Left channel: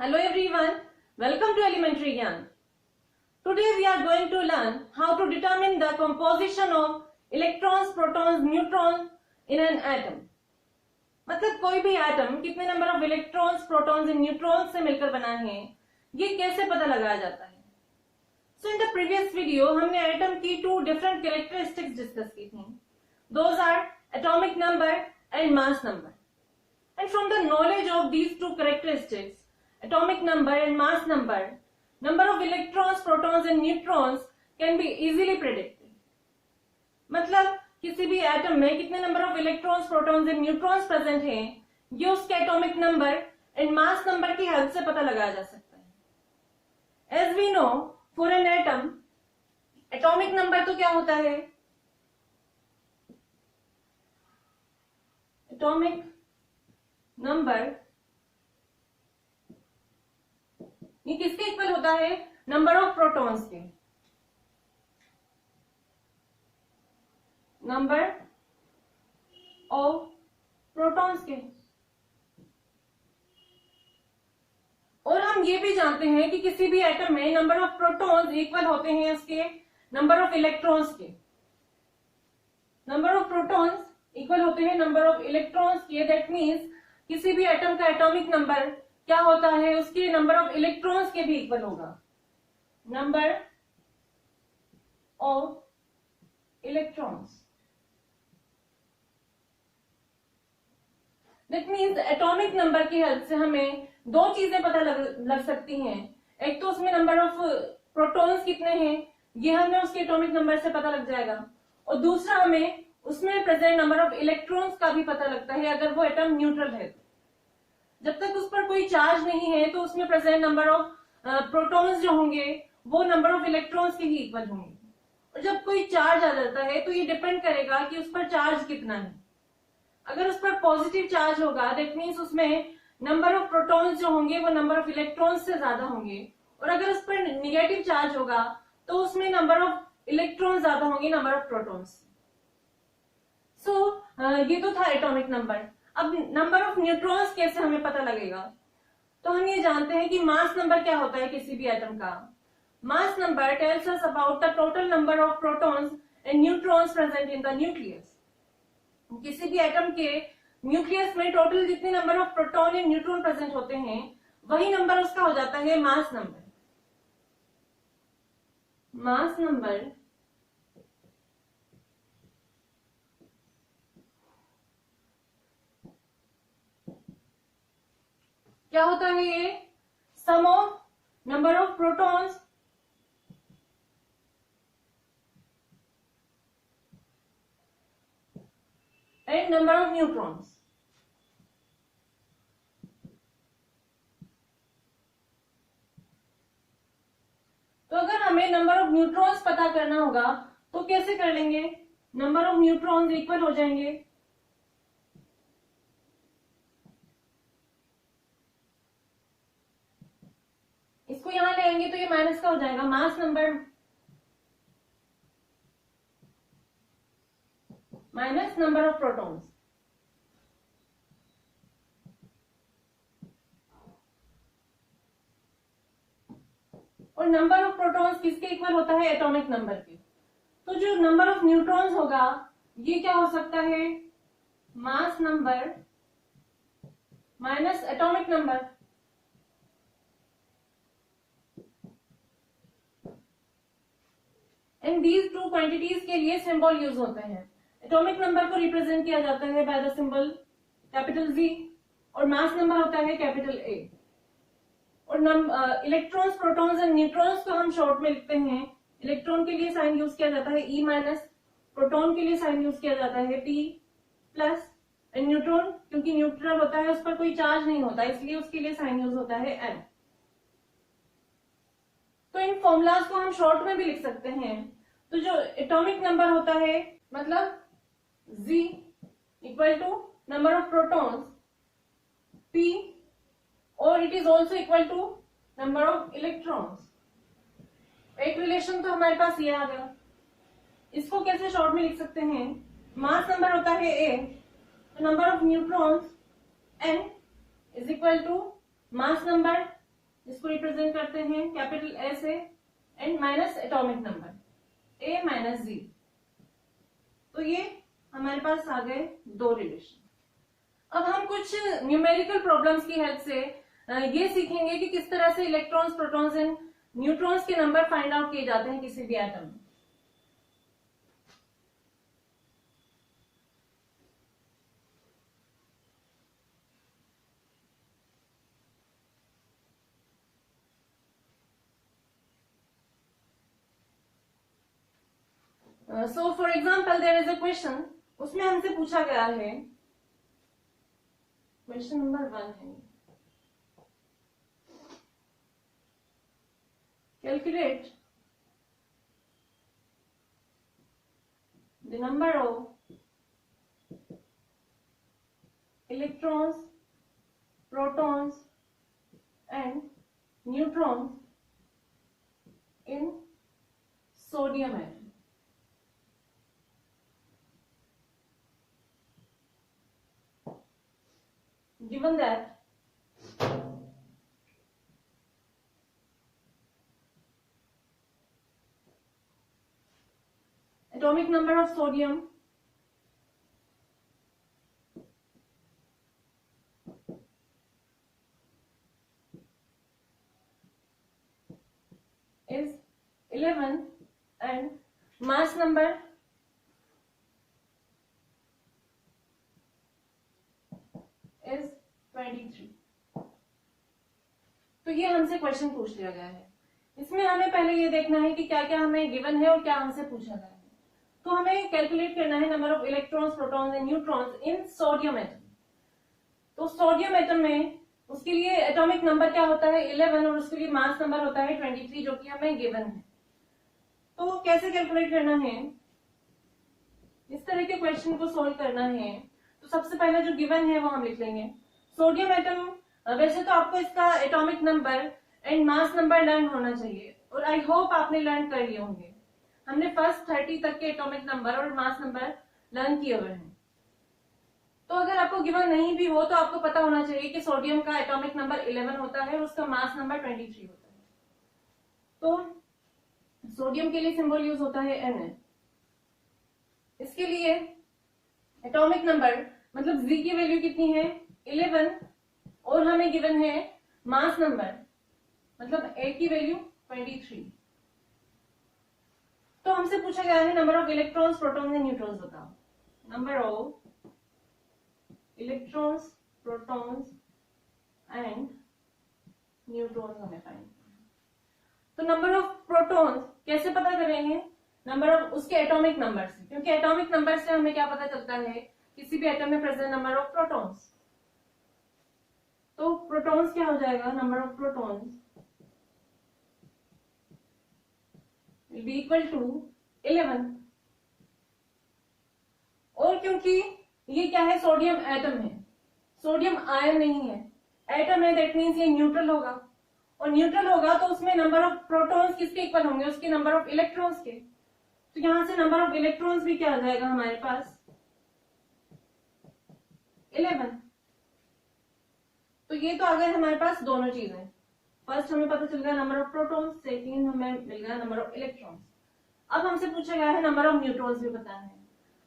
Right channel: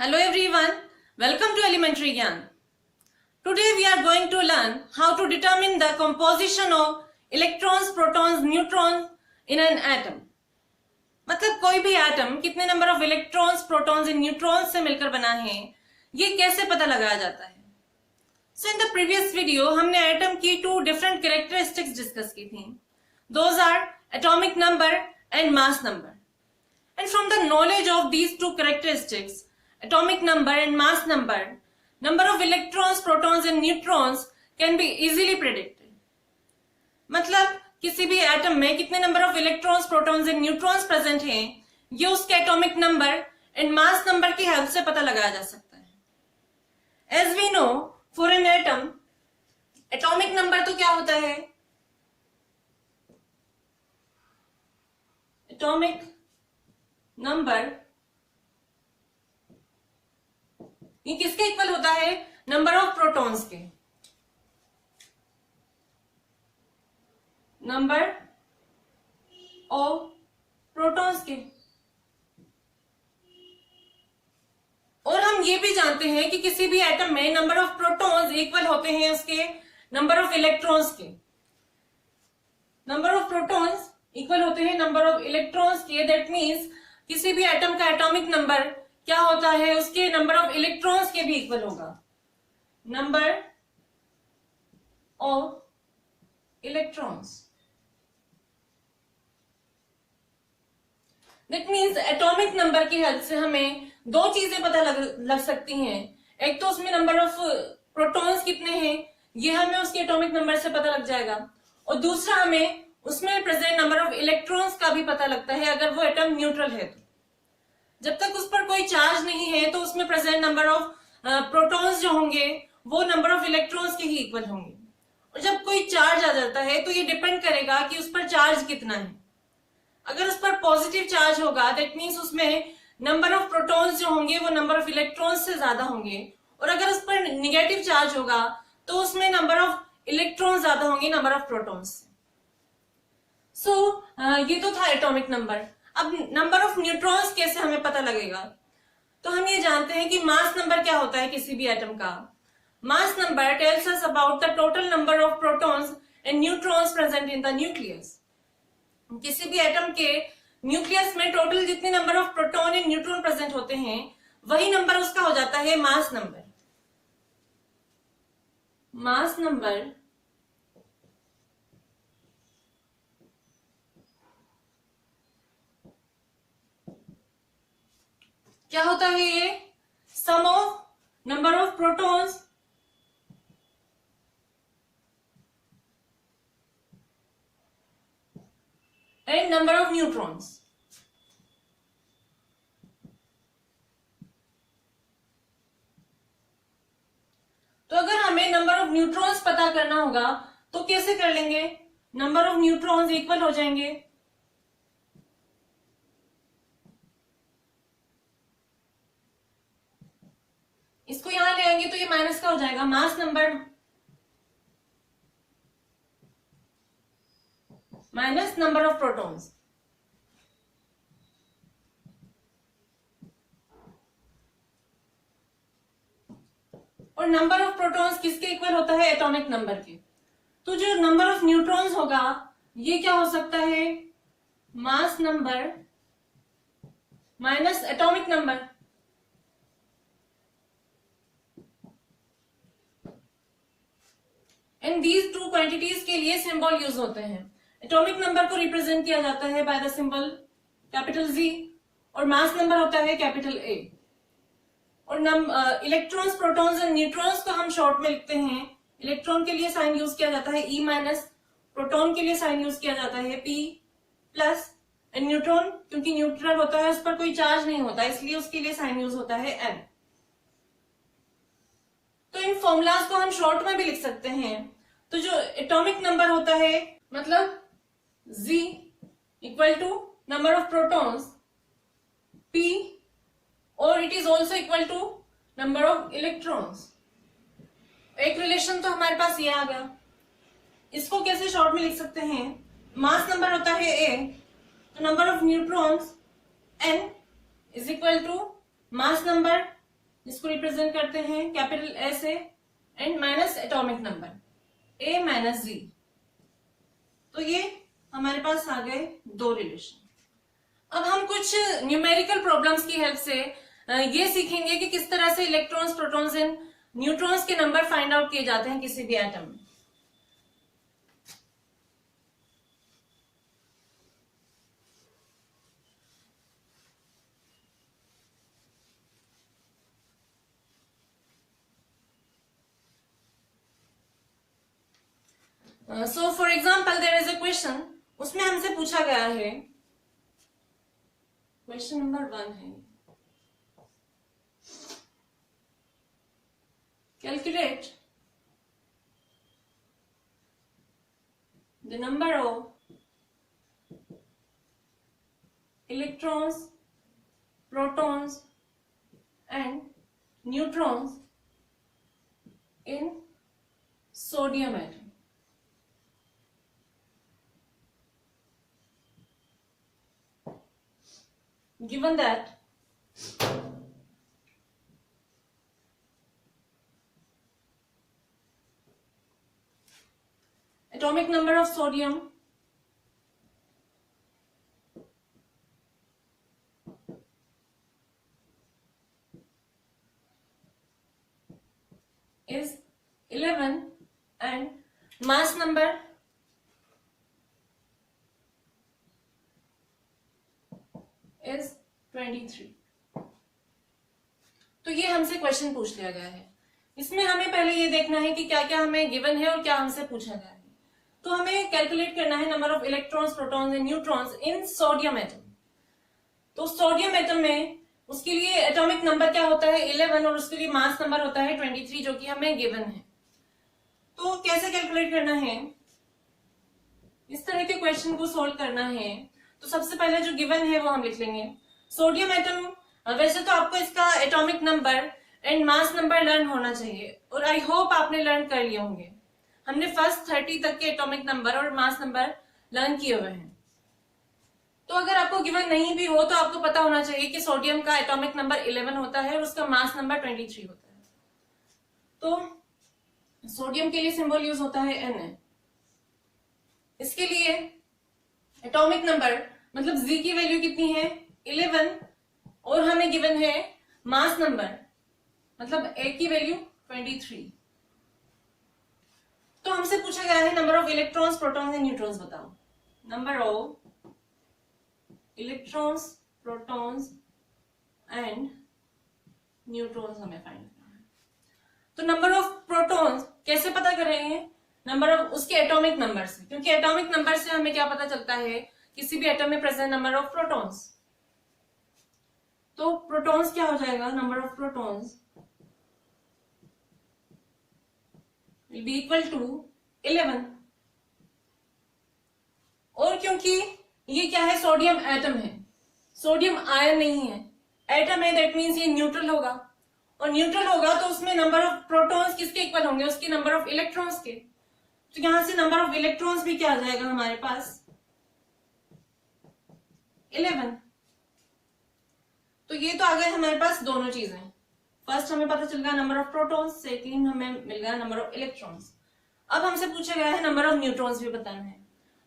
Hello everyone, welcome to Elementary Gyan. Today we are going to learn how to determine the composition of electrons, protons, neutrons in an atom. मतलब कोई भी atom कितने number of electrons, protons and neutrons से मिलकर बना है, ये कैसे पता लगाया जाता है. So in the previous video हमने एटम की टू डिफरेंट कैरेक्टरिस्टिक्स डिस्कस की थी. Those are atomic number and mass number. And from the knowledge of these two characteristics, atomic number and mass number, number of electrons, protons and neutrons can be easily predicted. मतलब किसी भी atom में कितने number of electrons, protons and neutrons present हैं, ये उसके atomic number and mass number की help से पता लगाया जा सकता है. As we know, for an atom atomic number तो क्या होता है? एटॉमिक नंबर ये किसके इक्वल होता है? नंबर ऑफ प्रोटॉन्स के. नंबर ऑफ प्रोटॉन्स के. और हम ये भी जानते हैं कि किसी भी एटम में नंबर ऑफ प्रोटॉन्स इक्वल होते हैं उसके नंबर ऑफ इलेक्ट्रॉन्स के. नंबर ऑफ प्रोटॉन्स इक्वल होते हैं नंबर ऑफ इलेक्ट्रॉन्स के. दैट मीन्स किसी भी एटम का एटॉमिक नंबर क्या होता है? उसके नंबर ऑफ इलेक्ट्रॉन्स के भी इक्वल होगा. Number of electrons. That means atomic number की हेल्प से हमें दो चीजें पता लग सकती हैं. एक तो उसमें नंबर ऑफ प्रोटॉन्स कितने हैं, ये हमें उसके एटॉमिक नंबर से पता लग जाएगा. और दूसरा हमें उसमें प्रेजेंट नंबर ऑफ इलेक्ट्रॉन्स का भी पता लगता है अगर वो एटम न्यूट्रल है तो. जब तक उस पर कोई चार्ज नहीं है तो उसमें प्रेजेंट नंबर ऑफ प्रोटॉन्स जो होंगे वो नंबर ऑफ इलेक्ट्रॉन्स के ही इक्वल होंगे. और जब कोई चार्ज आ जाता है तो ये डिपेंड करेगा कि उस पर चार्ज कितना है. अगर उस पर पॉजिटिव चार्ज होगा दैट मीन्स उसमें नंबर ऑफ प्रोटॉन्स जो होंगे वो नंबर ऑफ इलेक्ट्रॉन्स से ज्यादा होंगे. और अगर उस पर निगेटिव चार्ज होगा तो उसमें नंबर ऑफ इलेक्ट्रॉन्स ज्यादा होंगे नंबर ऑफ प्रोटॉन्स से. ये तो था एटॉमिक नंबर. अब नंबर ऑफ न्यूट्रॉन्स कैसे हमें पता लगेगा? तो हम ये जानते हैं कि मास नंबर क्या होता है किसी भी एटम का. Mass number tells us about the total number of protons and neutrons present in the nucleus. किसी भी एटम के न्यूक्लियस में टोटल जितने number of proton and neutron present होते हैं वही नंबर उसका हो जाता है मास नंबर. मास नंबर क्या होता है? ये sum of number of protons and number of neutrons. तो अगर हमें नंबर ऑफ न्यूट्रॉन्स पता करना होगा तो कैसे कर लेंगे? नंबर ऑफ न्यूट्रॉन्स इक्वल हो जाएंगे इसको यहां ले आएंगे तो ये माइनस का हो जाएगा. Mass number minus number of protons. और नंबर ऑफ प्रोटॉन्स किसके इक्वल होता है? एटॉमिक नंबर के. तो जो नंबर ऑफ न्यूट्रॉन्स होगा ये क्या हो सकता है? Mass number minus atomic number. In these two quantities के लिए सिंबल यूज होते हैं. एटॉमिक नंबर को रिप्रेजेंट किया जाता है by the symbol capital G और मास नंबर होता है कैपिटल ए. और इलेक्ट्रॉन्स, प्रोटॉन्स एंड न्यूट्रॉन्स को हम शॉर्ट में लिखते हैं. इलेक्ट्रॉन के लिए साइन यूज किया जाता है ई माइनस, प्रोटॉन के लिए साइन यूज किया जाता है पी प्लस, एंड न्यूट्रॉन क्योंकि न्यूट्रल होता है उस पर कोई चार्ज नहीं होता इसलिए उसके लिए साइन यूज होता है एन. तो इन फॉर्मूलाज को हम शॉर्ट में भी लिख सकते हैं. तो जो एटॉमिक नंबर होता है मतलब Z equal to number of protons P और it is also equal to number of electrons. एक रिलेशन तो हमारे पास ये आ गया. इसको कैसे शॉर्ट में लिख सकते हैं? मास नंबर होता है A तो number of neutrons N is equal to mass number इसको रिप्रेजेंट करते हैं कैपिटल ए से and minus atomic number A minus Z. तो ये हमारे पास आ गए दो रिलेशन। अब हम कुछ न्यूमेरिकल प्रॉब्लम्स की हेल्प से ये सीखेंगे कि किस तरह से इलेक्ट्रॉन्स, प्रोटॉन्स एंड न्यूट्रॉन्स के नंबर फाइंड आउट किए जाते हैं किसी भी एटम में। So for example there is a question, उसमें हमसे पूछा गया है, क्वेश्चन नंबर 1 है, calculate the number of electrons, protons and neutrons in sodium atom. Given that atomic number of sodium is 11 and mass number is 23। तो ये हमसे question पूछ लिया गया है। इसमें हमें पहले ये देखना है कि क्या क्या हमें गिवन है और क्या हमसे पूछा गया है। तो हमें कैलकुलेट करना है number of electrons, protons and neutrons in sodium atom. तो सोडियम एटम में उसके लिए एटॉमिक नंबर क्या होता है 11 और उसके लिए मास नंबर होता है 23 जो कि हमें गिवन है। तो कैसे कैलकुलेट करना है, इस तरह के क्वेश्चन को सोल्व करना है तो सबसे पहले जो गिवन है वो हम लिख लेंगे। सोडियम एटम, वैसे तो आपको इसका atomic number and mass number learn होना चाहिए और आई होप आपने लर्न कर लिए होंगे। हमने फर्स्ट 30 तक के एटॉमिक नंबर और मास नंबर लर्न किए हुए हैं। तो अगर आपको गिवन नहीं भी हो तो आपको पता होना चाहिए कि सोडियम का एटॉमिक नंबर 11 होता है और उसका मास नंबर 23 होता है। तो सोडियम के लिए सिंबल यूज होता है Na। इसके लिए एटॉमिक नंबर मतलब Z की वैल्यू कितनी है 11 और हमें गिवन है मास नंबर मतलब A की वैल्यू 23। तो हमसे पूछा गया है number of electrons, protons and neutrons बताओ। Number of electrons, protons and neutrons हमें फाइंड करना है। तो नंबर ऑफ प्रोटॉन्स कैसे पता कर रहे हैं, नंबर ऑफ उसके एटॉमिक नंबर से, क्योंकि एटॉमिक नंबर से हमें क्या पता चलता है किसी भी एटम में प्रेजेंट नंबर ऑफ प्रोटॉन्स। तो प्रोटॉन्स क्या हो जाएगा, number of protons will be equal to 11। और क्योंकि ये क्या है सोडियम एटम है, सोडियम आयन नहीं है, एटम है, दैट मीन्स ये न्यूट्रल होगा और न्यूट्रल होगा तो उसमें नंबर ऑफ प्रोटॉन्स किसके इक्वल होंगे, उसके नंबर ऑफ इलेक्ट्रॉन्स के। तो यहां से नंबर ऑफ इलेक्ट्रॉन्स भी क्या आ जाएगा हमारे पास 11। तो ये तो आ गए हमारे पास दोनों चीजें। फर्स्ट हमें पता चल गया नंबर ऑफ प्रोटॉन्स, सेकेंड हमें मिल गया नंबर ऑफ इलेक्ट्रॉन्स। अब हमसे पूछा गया है नंबर ऑफ न्यूट्रॉन्स भी बताना है।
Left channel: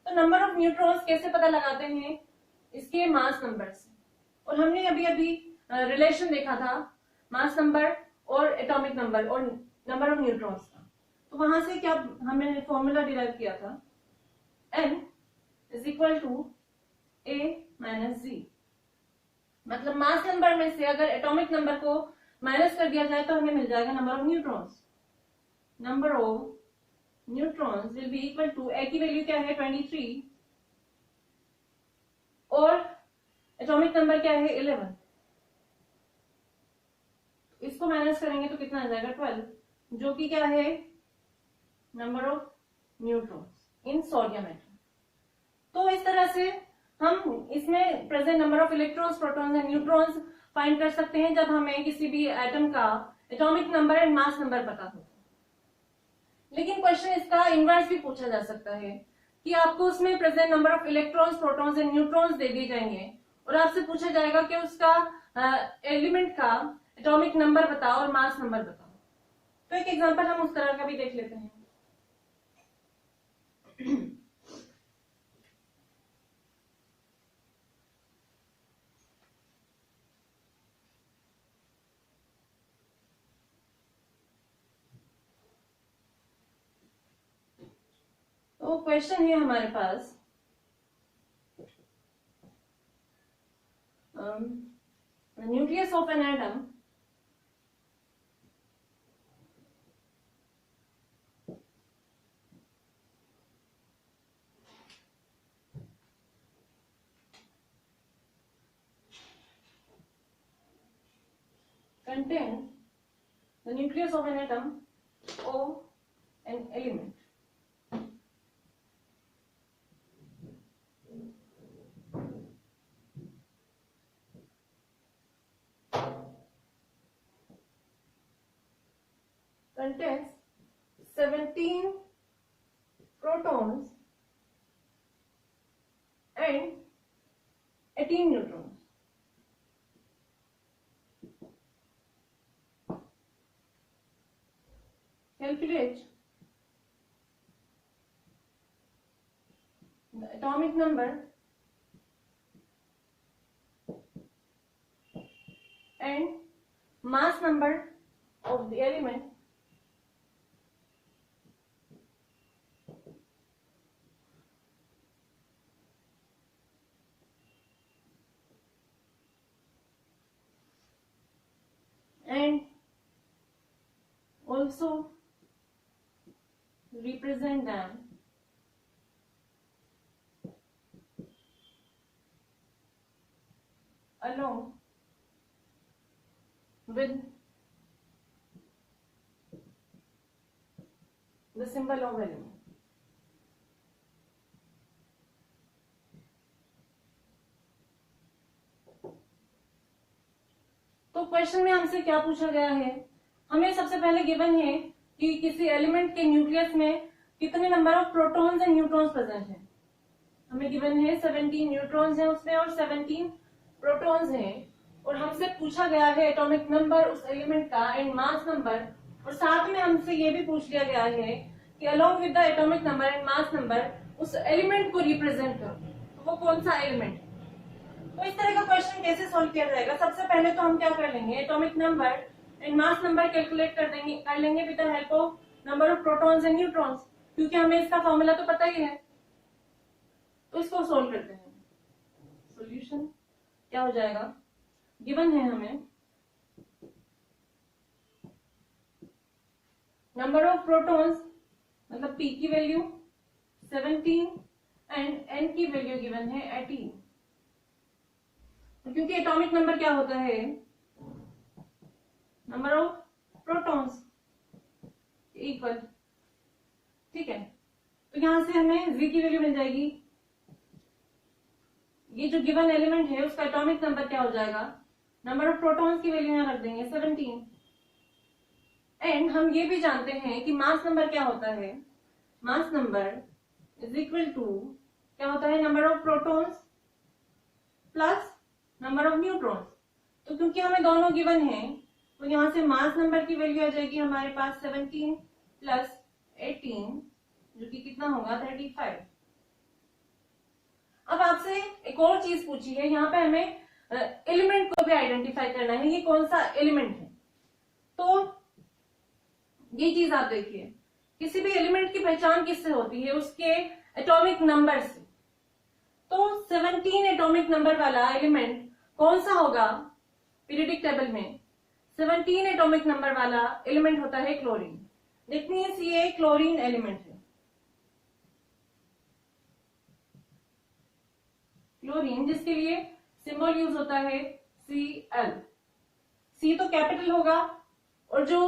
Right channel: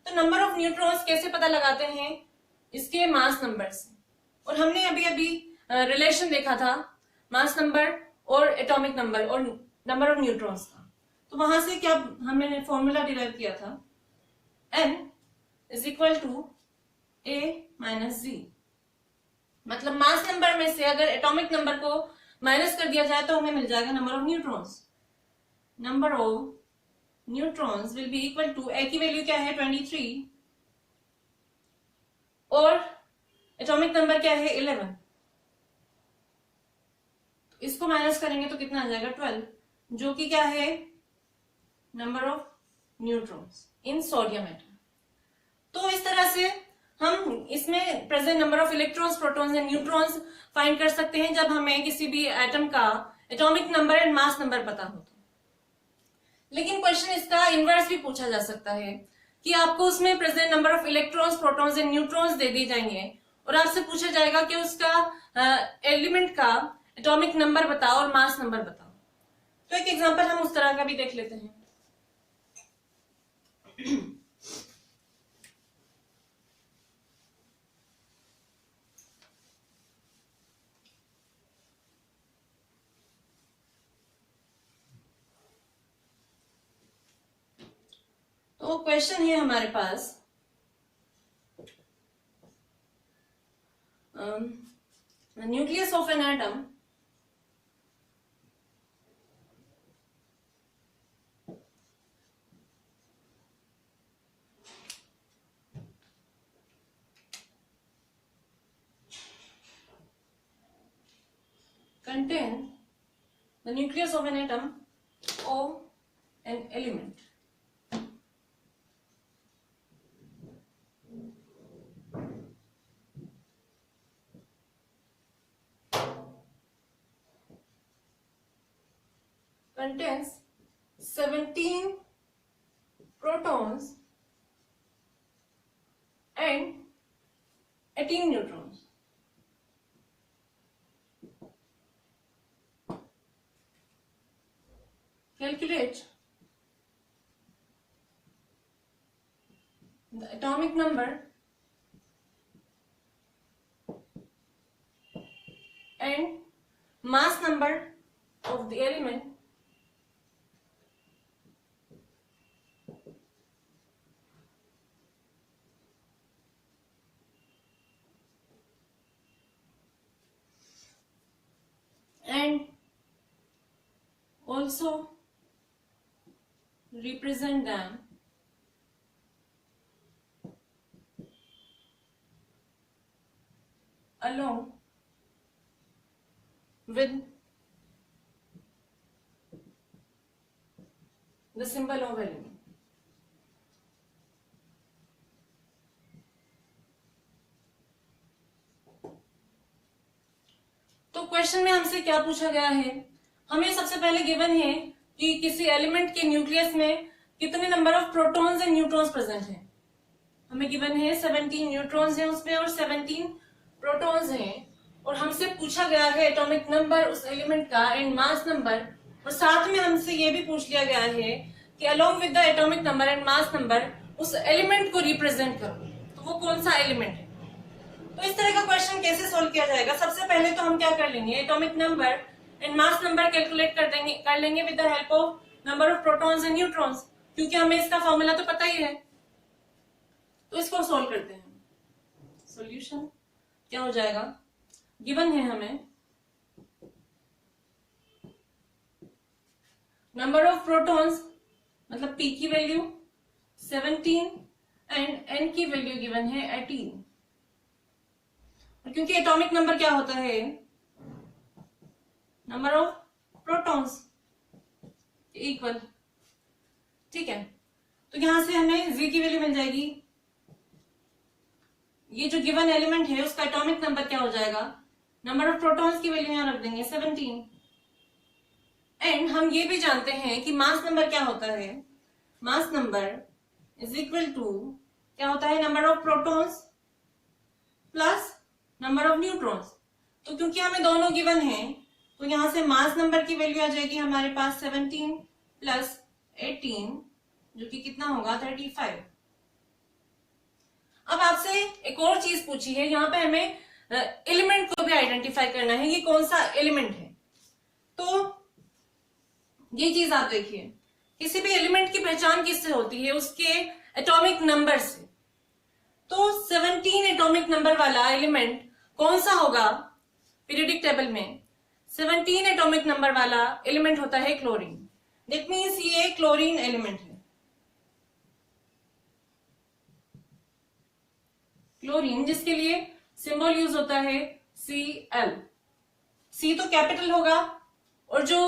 तो नंबर ऑफ न्यूट्रॉन्स कैसे पता लगाते हैं, इसके मास नंबर से। और हमने अभी अभी रिलेशन देखा था मास नंबर और एटॉमिक नंबर और नंबर ऑफ न्यूट्रॉन्स का। तो वहां से क्या हमने फॉर्मूला डिराइव किया था, n is equal to a minus Z. मतलब मास नंबर में से अगर एटॉमिक नंबर को माइनस कर दिया जाए तो हमें मिल जाएगा number of neutrons. Number of neutrons will be equal to A की वैल्यू क्या है 23 और एटॉमिक नंबर क्या है 11। इसको माइनस करेंगे तो कितना आ जाएगा 12, जो कि क्या है number of neutrons in sodium atom. तो इस तरह से हम इसमें present number of electrons, protons and neutrons find कर सकते हैं जब हमें किसी भी एटम का atomic number and mass number पता हो। लेकिन क्वेश्चन इसका इनवर्स भी पूछा जा सकता है कि आपको उसमें present number of electrons, protons and neutrons दे दिए जाएंगे और आपसे पूछा जाएगा कि उसका एलिमेंट का एटॉमिक नंबर बताओ और मास नंबर बताओ। तो एक एग्जांपल हम उस तरह का भी देख लेते हैं। तो क्वेश्चन है हमारे पास, nucleus of an atom contain the nucleus of an atom O an element. Contains 17 protons and 18 neutrons. Calculate the atomic number and mass number of the element and also represent them along with the symbol of element. तो question में हमसे क्या पूछा गया है, हमें सबसे पहले गिवन है कि किसी एलिमेंट के न्यूक्लियस में कितने number of protons and neutrons present हैं। हमें गिवन है 17 न्यूट्रॉन्स हैं उसमें और 17 प्रोटॉन्स हैं, और हमसे पूछा गया है एटॉमिक नंबर उस एलिमेंट का एंड मास नंबर, और साथ में हमसे ये भी पूछ लिया गया है कि along with the atomic number and mass number उस एलिमेंट को रिप्रेजेंट करो, तो वो कौन सा एलिमेंट है। तो इस तरह का क्वेश्चन कैसे सोल्व किया जाएगा, सबसे पहले तो हम क्या कर लेंगे, atomic number and mass number calculate कर लेंगे with the help of number of protons and neutrons, क्योंकि हमें इसका फॉर्मूला तो पता ही है। तो इसको सोल्व करते हैं। सॉल्यूशन क्या हो जाएगा, गिवन है हमें नंबर ऑफ प्रोटॉन्स मतलब P की वैल्यू 17 एंड N की वैल्यू गिवन है 18, और क्योंकि एटॉमिक नंबर क्या होता है, नंबर ऑफ प्रोटॉन्स इक्वल, ठीक है। तो यहां से हमें Z की वैल्यू मिल जाएगी, ये जो गिवन एलिमेंट है उसका एटॉमिक नंबर क्या हो जाएगा, नंबर ऑफ प्रोटॉन्स की वैल्यू यहां रख देंगे 17, एंड हम ये भी जानते हैं कि मास नंबर क्या होता है, mass number is equal to क्या होता है, number of protons plus number of neutrons. तो क्योंकि हमें दोनों गिवन हैं तो यहां से मास नंबर की वैल्यू आ जाएगी हमारे पास 17 प्लस 18 जो कि कितना होगा 35। अब आपसे एक और चीज पूछी है, यहाँ पे हमें एलिमेंट को भी आइडेंटिफाई करना है कि कौन सा एलिमेंट है। तो ये चीज आप देखिए, किसी भी एलिमेंट की पहचान किससे होती है, उसके एटॉमिक नंबर से। तो 17 एटॉमिक नंबर वाला एलिमेंट कौन सा होगा, पीरियोडिक टेबल में 17 एटॉमिक नंबर वाला एलिमेंट होता है क्लोरीन। दैट मींस ये क्लोरीन एलिमेंट है। क्लोरीन जिसके लिए सिंबल यूज होता है Cl। C तो कैपिटल होगा और जो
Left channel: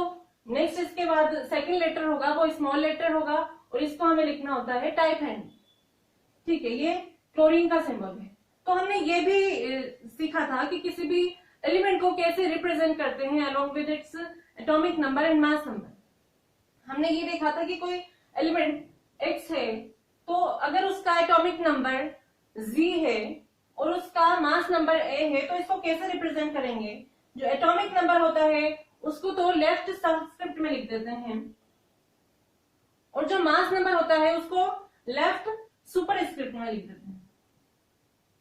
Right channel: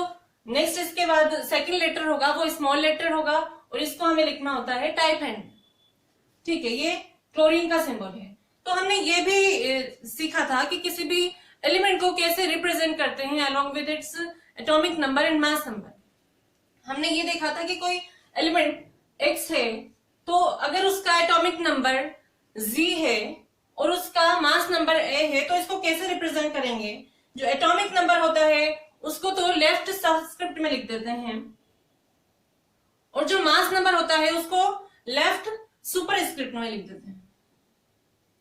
नेक्स्ट इसके बाद सेकंड लेटर होगा वो स्मॉल लेटर होगा, और इसको हमें लिखना होता है टाइप हैंड, ठीक है। ये क्लोरीन का सिंबल है। तो हमने ये भी सीखा था कि किसी भी एलिमेंट को कैसे रिप्रेजेंट करते हैं along with its atomic number and mass number. हमने ये देखा था कि कोई एलिमेंट X है तो अगर उसका एटॉमिक नंबर Z है और उसका मास नंबर A है तो इसको कैसे रिप्रेजेंट करेंगे, जो एटॉमिक नंबर होता है उसको तो लेफ्ट सबस्क्रिप्ट में लिख देते हैं, और जो मास नंबर होता है उसको लेफ्ट सुपर स्क्रिप्ट में लिख देते हैं।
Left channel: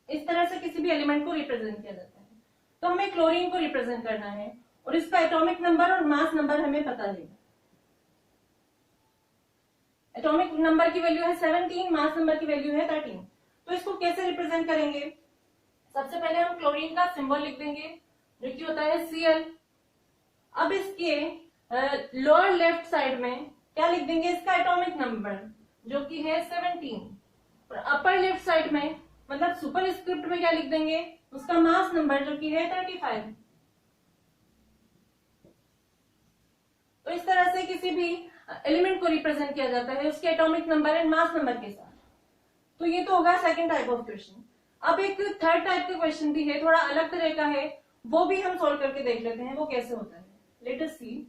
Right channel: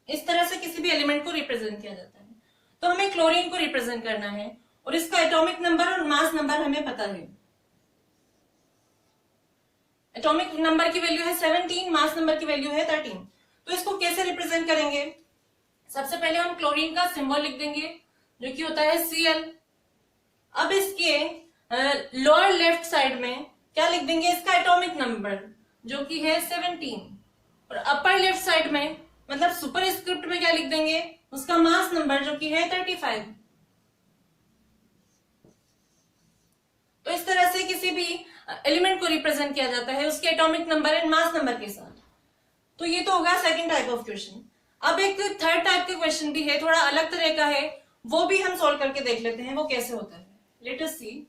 इस तरह से किसी भी एलिमेंट को रिप्रेजेंट किया जाता है। तो हमें क्लोरीन को रिप्रेजेंट करना है और इसका एटॉमिक नंबर और मास नंबर हमें पता है। एटॉमिक नंबर की वैल्यू है 17, मास नंबर की वैल्यू है 13। तो इसको कैसे रिप्रेजेंट करेंगे? सबसे पहले हम क्लोरीन का सिंबल लिख देंगे जो कि होता है Cl। अब इसके लोअर लेफ्ट साइड में क्या लिख देंगे? इसका एटॉमिक नंबर जो कि है 17, और अपर लेफ्ट साइड में मतलब सुपर स्क्रिप्ट में क्या लिख देंगे? उसका मास नंबर जो कि है 35। तो इस तरह से किसी भी एलिमेंट को रिप्रेजेंट किया जाता है उसके atomic number and mass number के साथ। तो ये तो होगा सेकंड टाइप ऑफ क्वेश्चन। अब एक थर्ड टाइप का क्वेश्चन भी है, थोड़ा अलग तरह का है, वो भी हम सॉल्व करके देख लेते हैं वो कैसे होता है। लेट अस सी।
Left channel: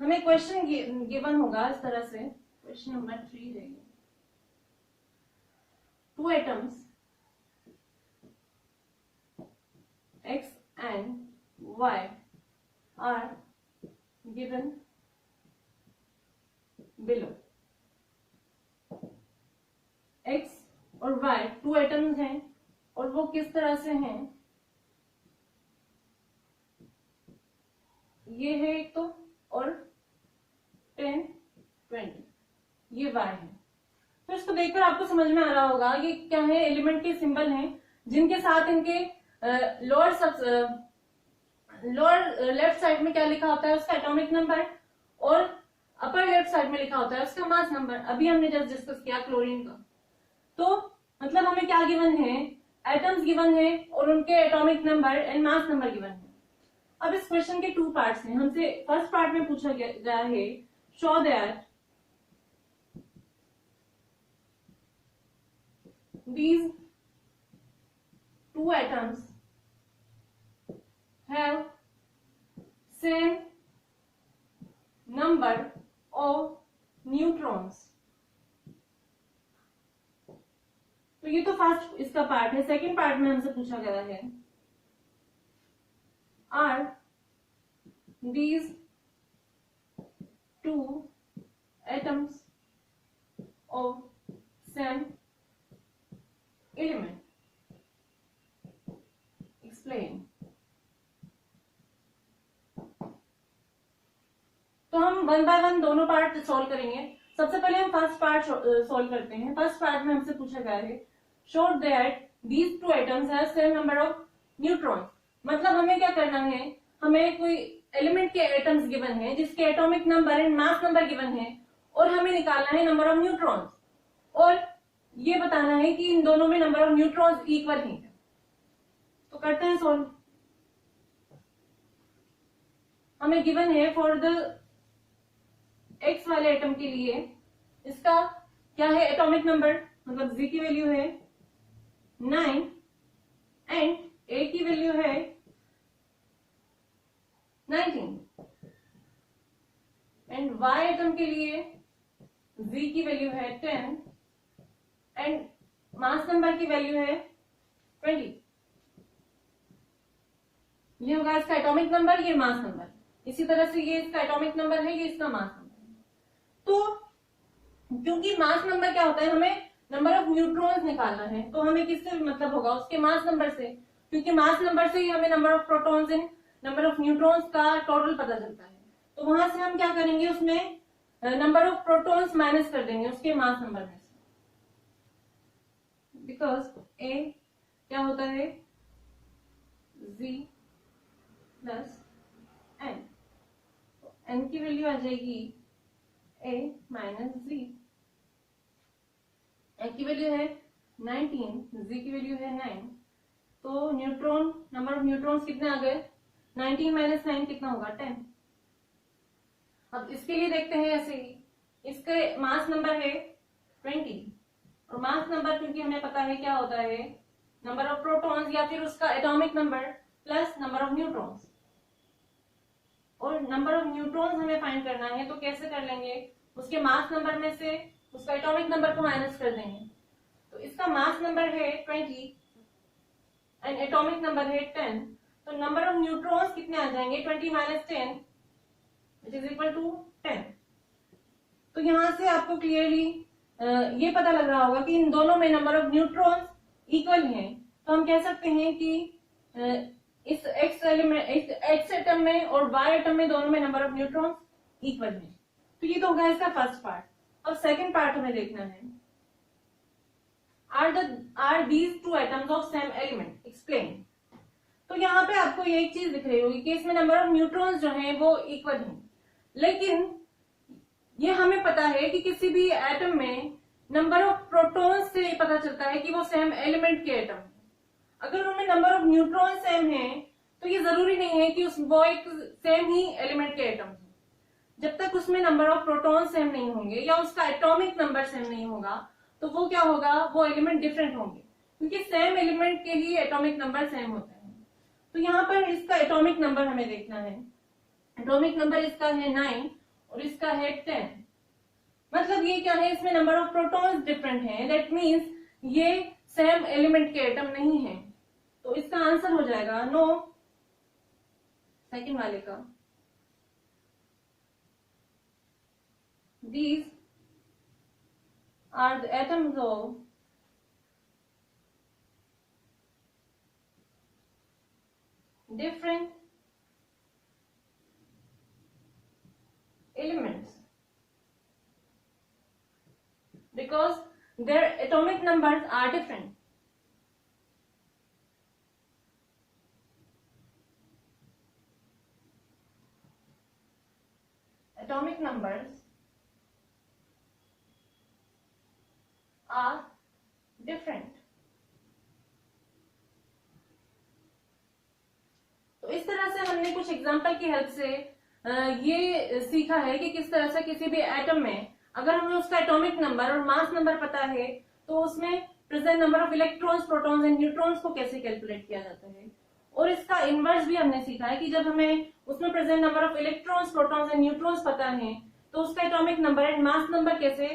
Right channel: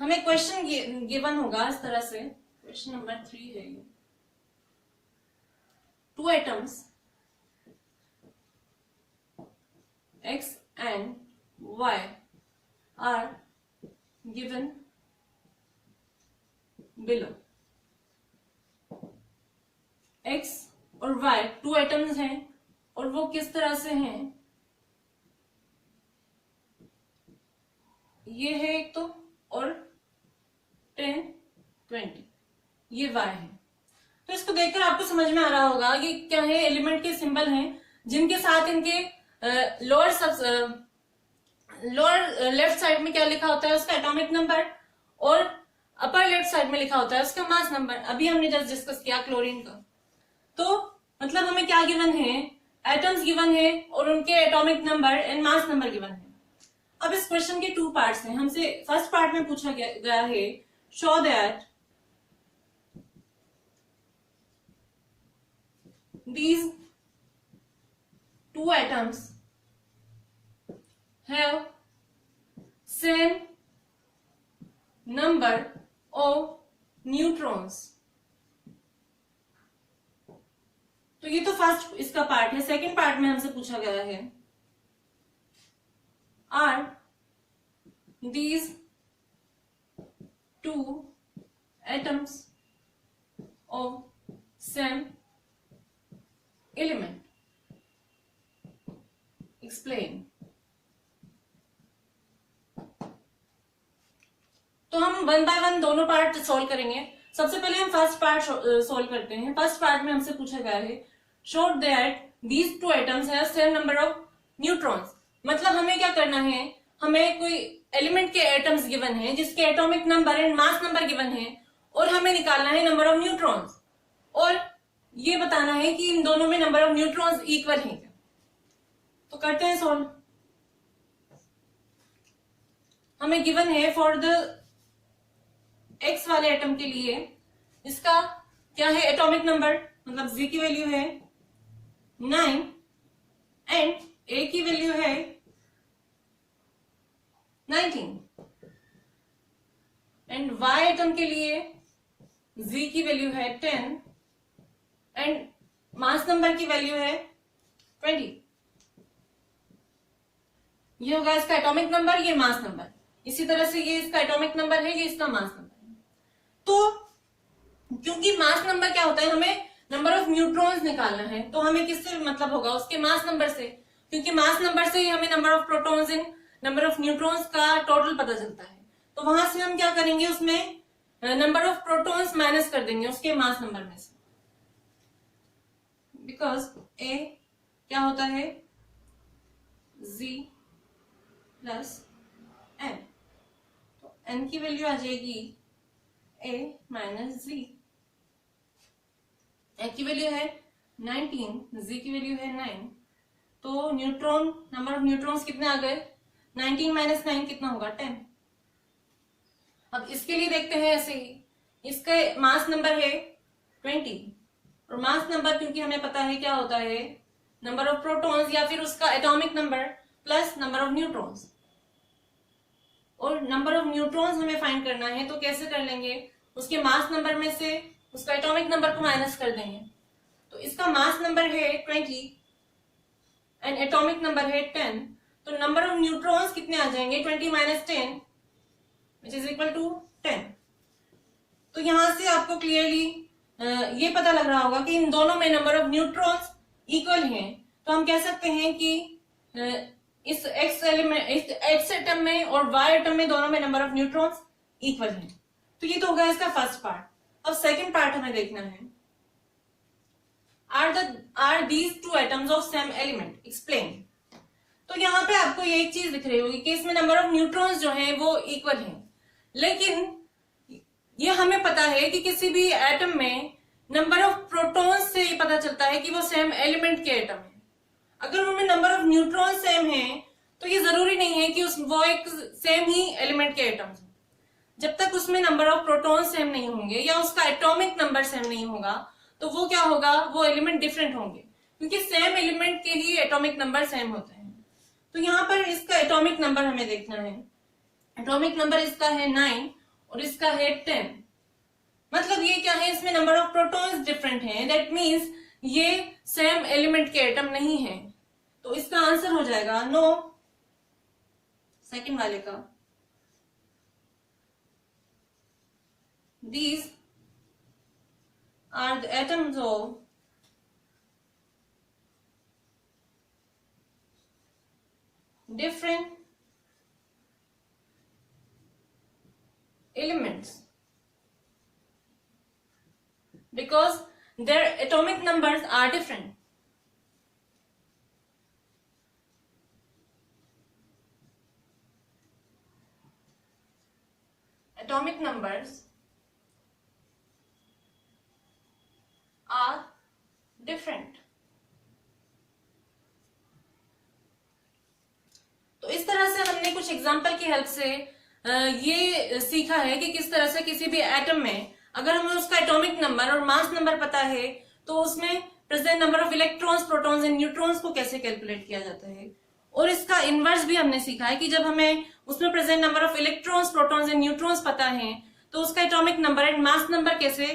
हमें क्वेश्चन गिवन होगा इस तरह से, क्वेश्चन नंबर 3 है ये। 2 atoms X and Y are given below। X और Y 2 atoms हैं और वो किस तरह से हैं? ये है एक तो, और 10, 20 ये Y है। तो इसको देखकर आपको समझ में आ रहा होगा कि क्या है, एलिमेंट के सिंबल हैं जिनके साथ इनके लोअर लेफ्ट साइड में क्या लिखा होता है? उसका एटॉमिक नंबर, और अपर लेफ्ट साइड में लिखा होता है उसका मास नंबर। अभी हमने जस्ट डिस्कस किया क्लोरीन का। तो मतलब हमें क्या गिवन है? एटम्स गिवन है और उनके atomic number and mass number given है। अब इस क्वेश्चन के 2 पार्ट्स हैं। हमसे फर्स्ट पार्ट में पूछा गया है show that these 2 atoms have same number of neutrons। तो ये तो फर्स्ट इसका पार्ट है। सेकंड पार्ट में हमसे पूछा गया है are these 2 atoms of same element, explain। तो हम वन बाय वन दोनों पार्ट सॉल्व करेंगे। सबसे पहले हम फर्स्ट पार्ट सॉल्व करते हैं। फर्स्ट पार्ट में हमसे पूछा गया है show that these 2 atoms have same number of neutrons. मतलब हमें क्या करना है? हमें कोई एलिमेंट के एटम्स गिवन है जिसके atomic number and mass number given है, और हमें निकालना है नंबर ऑफ न्यूट्रॉन्स, और ये बताना है कि इन दोनों में नंबर ऑफ न्यूट्रॉन्स इक्वल हैं क्या। तो करते हैं सॉल्व। हमें गिवन है फॉर द एक्स वाले एटम के लिए इसका क्या है? एटॉमिक नंबर, मतलब जी की वैल्यू है 9 एंड ए की वैल्यू है 19, एंड वाई एटम के लिए जी की वैल्यू है 10 एंड मास नंबर की वैल्यू है 20। ये होगा इसका एटॉमिक नंबर, ये मास नंबर। इसी तरह से ये इसका एटॉमिक नंबर है, ये इसका मास नंबर है। तो क्योंकि मास नंबर क्या होता है, हमें नंबर ऑफ न्यूट्रॉन्स निकालना है, तो हमें किससे मतलब होगा? उसके मास नंबर से, क्योंकि मास नंबर से ही हमें number of protons and number of neutrons का टोटल पता चलता है। तो वहां से हम क्या करेंगे? उसमें नंबर ऑफ प्रोटॉन्स माइनस कर देंगे उसके मास नंबर में से, बिकॉज ए क्या होता है? जी प्लस एन। तो एन की वैल्यू आ जाएगी ए माइनस जी। ए की वैल्यू है 19, जी की वैल्यू है 9। तो न्यूट्रॉन, नंबर ऑफ न्यूट्रॉन्स कितने आ गए? 19 माइनस 9 कितना होगा? 10। अब इसके लिए देखते हैं ऐसे ही, इसका मास नंबर है 20, और मास नंबर क्योंकि हमें पता है क्या होता है नंबर ऑफ प्रोटॉन्स या फिर उसका atomic number plus number of neutrons. और नंबर ऑफ न्यूट्रॉन्स हमें फाइंड करना है तो कैसे कर लेंगे, उसके मास नंबर में से उसका एटॉमिक नंबर को माइनस कर देंगे। तो इसका मास नंबर है 20 एंड एटॉमिक नंबर है 10, तो नंबर ऑफ न्यूट्रॉन्स कितने आ जाएंगे 20 minus 10 which is equal to 10। तो यहां से आपको क्लियरली ये पता लग रहा होगा कि इन दोनों में नंबर ऑफ न्यूट्रॉन्स इक्वल हैं। तो हम कह सकते हैं कि इस एक्स एटम में और वाई एटम में दोनों में नंबर ऑफ न्यूट्रॉन्स इक्वल हैं। तो ये तो होगा इसका फर्स्ट पार्ट। अब सेकंड पार्ट हमें देखना है, are these two atoms of same element, explain. तो यहाँ पे आपको ये एक चीज दिख रही होगी कि इसमें नंबर ऑफ न्यूट्रॉन्स जो हैं वो इक्वल हैं, लेकिन ये हमें पता है कि किसी भी एटम में नंबर ऑफ प्रोटॉन्स से ये पता चलता है कि वो सेम एलिमेंट के एटम है। अगर उनमें नंबर ऑफ न्यूट्रॉन सेम है तो ये जरूरी नहीं है कि वो एक सेम ही एलिमेंट के एटम्स हैं। जब तक उसमें नंबर ऑफ प्रोटॉन सेम नहीं होंगे या उसका एटॉमिक नंबर सेम नहीं होगा तो वो क्या होगा, वो एलिमेंट डिफरेंट होंगे, क्योंकि सेम एलिमेंट के लिए एटॉमिक नंबर सेम होते हैं। तो यहाँ पर इसका एटॉमिक नंबर हमें देखना है। एटॉमिक नंबर इसका है 9 और इसका है 10। मतलब ये क्या है, इसमें नंबर ऑफ प्रोटॉन्स डिफरेंट हैं, दैट मीन्स ये सेम एलिमेंट के एटम नहीं है। तो इसका आंसर हो जाएगा नो, सेकंड वाले का। These are the atoms of different elements because their atomic numbers are different. Atomic numbers are different. तो इस तरह से हमने कुछ एग्जाम्पल की हेल्प से ये सीखा है कि किस तरह से किसी भी एटम में अगर हमें उसका एटॉमिक नंबर और मास नंबर पता है तो उसमें present number of electrons, protons and neutrons को कैसे कैलकुलेट किया जाता है। और इसका इनवर्स भी हमने सीखा है कि जब हमें उसमें present number of electrons, protons and neutrons पता है तो उसका atomic number and mass number कैसे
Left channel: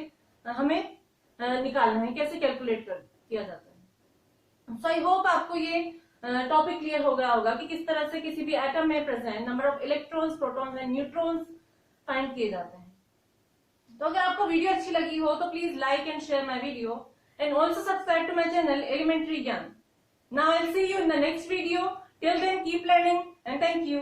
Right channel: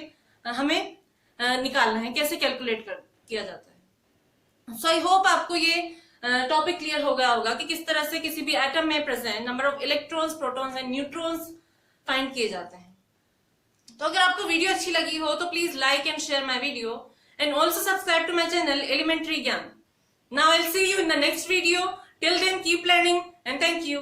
हमें निकालना है, कैसे कैलकुलेट किया जाता है। सो आई होप आपको ये टॉपिक क्लियर हो गया होगा कि किस तरह से किसी भी एटम में present number of electrons, protons and neutrons find किए जाते हैं। तो अगर आपको वीडियो अच्छी लगी हो तो please like and share my video and also subscribe to my channel Elementary Gyan. Now I will see you in the next video. Till then keep learning and thank you.